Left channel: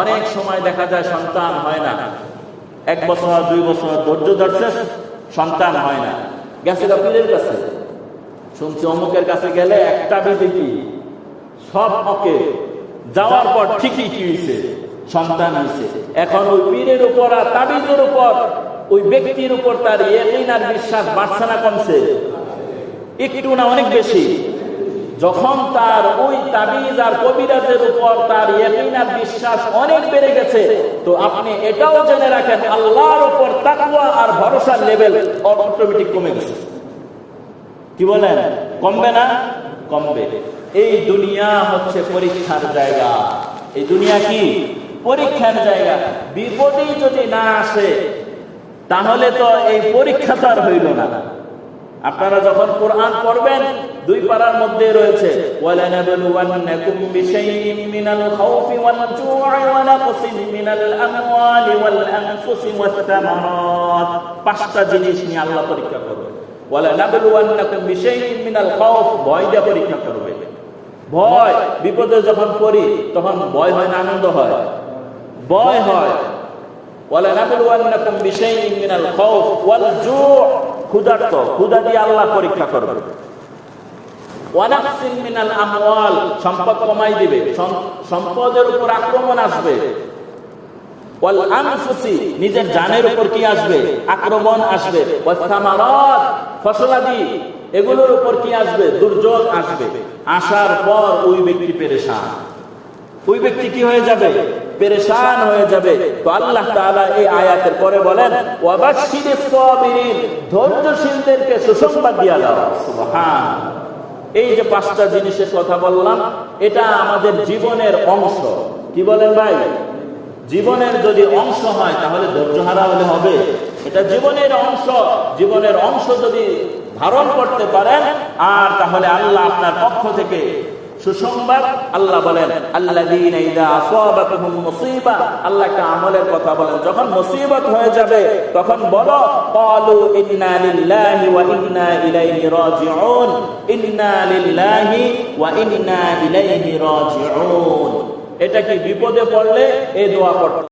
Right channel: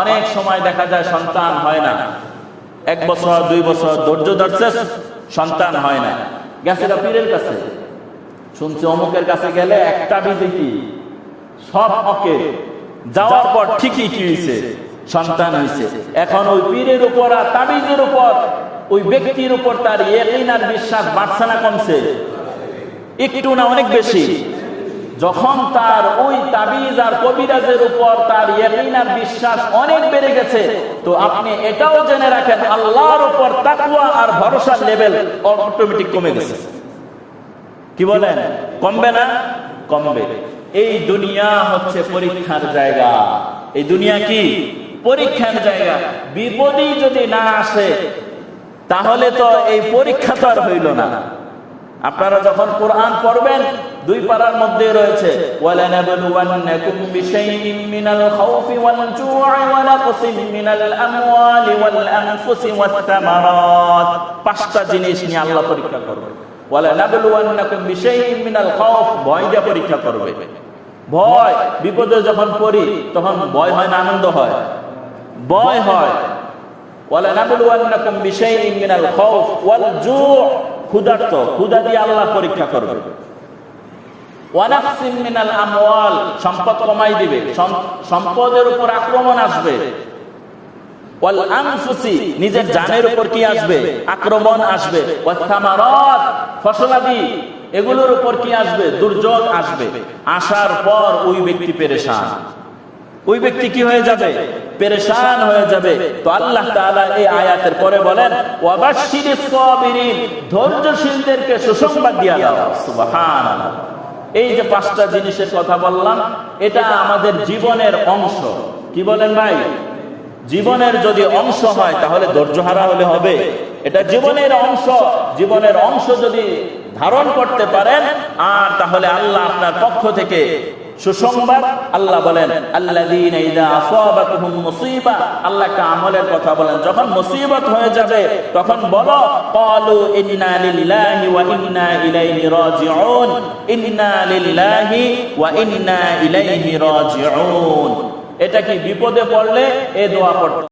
অনেক সময় দেখা যায় সন্তান হয় না, 1 বছর 2 বছর ধৈর্য ধরছে, সন্তান হয় না। গেছিল পীরের কাছে, শুনছে অমুকের কাছে গেলে একটা বিধি কি সব ওকে, যাওয়ার পর ঠিকই কি হয়েছে, সন্তান হয়েছে। এখন ওই পীরের উপর আর তাবিজের উপর, ওই ব্যক্তির উপর তার ইয়াকিন আর বিশ্বাস বাড়ছে না কমছে? একটু না অনেক বেশি। যখন তার ওই তাবিজ আর কবিরাজের উপর তার ইয়াকিন আর বিশ্বাস অনেক বেড়ে গেছে, তো আপনি এটাও জেনে রাখেন আল্লাহর উপর তাকওয়া আর ভরসার লেভেল অটোমেটিক কমে গেছে। কি বলেন, কমবে না? কমবে। এই দুনিয়া হচ্ছে পরীক্ষার জায়গা। এই দুনিয়া কি পরীক্ষার জায়গা। বিপদই যদি না আসে তাহলে তো এই পরীক্ষা তো আর হইল না। আপনারা যখন কোরআন পড়বেন 2 পারার মধ্যে রয়েছে ওয়ালানাবলুওয়ান্নাকুম বিশাইইম মিনাল খাউফি ওয়াল জু'i ওয়া নাকসিম মিনাল আমওয়ালি ওয়াল আনফুসি ওয়াত তামারাত। 5টা জিনিস নিয়ে আল্লাহ পরীক্ষা করবে। ওয়ালানাবলুওয়ান্নাকুম বিশাইইম মিনাল খাউফ, ভয় দিয়ে পরীক্ষা করবে। ভয়, বিপদে যখন পড়ি তখন ভয় হয় না আনন্দ হয়? ভয় হয়। ওয়ালানাবলুওয়ান্নাকুম বিশাইইম মিনাল খাউফ ওয়াল জু', ক্ষুধার্ত, ক্ষুধা দিয়ে আল্লাহ পরীক্ষা করবে। ওয়া নাকসিম মিনাল আমওয়াল, সম্পদ কমাই দিবে, সম্পদের উপর আক্রমণ আসবে। ওয়াল আনফুসি, নিজের জানের উপর কি আসবে, আক্রমণ আসবে। ওয়াত তামারাত, ফসলাদি, এগুলোর উপর কি আসবে, দুর্যোগ আসবে। আসার পর ওই ব্যক্তি পেরেশান, ওই ব্যক্তি কি হয়ে যাবে, পেরেশান হয়ে যাবে। তো আল্লাহ তাআলা এই আয়াতের পরে বলেন ওয়াবাশশিরিস সাবিরিন, ধৈর্যশীলদেরকে সুসংবাদ দিয়া দাও। সুবহানাল্লাহ। এই যে 5টা জিনিসের কথা বললাম, এটা আমাদের জীবনের অংশ। কি বলেন ভাই? জীবনের যদি অংশ হয় তাহলে ধৈর্য হারা হলে হবে? এটা জীবনের অংশ। জীবনের অংশ যদি ধারণ করতে পারেন আর তাহলে আল্লাহ আপনার পক্ষ থেকে সুসংবাদ। আল্লাহ বলেন আল্লাযীনা ইযা আসাবাতুহুম মুসিবা, আল্লাহ একটা আমলের কথা বলেন, যখন মুসিবত হয়ে যাবে তখন বলো ক্বালু ইন্না লিল্লাহি ওয়া ইন্না ইলাইহি রাজিউন, ইন্না লিল্লাহি ওয়া ইন্না ইলাইহি রাজিউন। এটা কি বিপদে পড়লে এই দোয়া পড়তে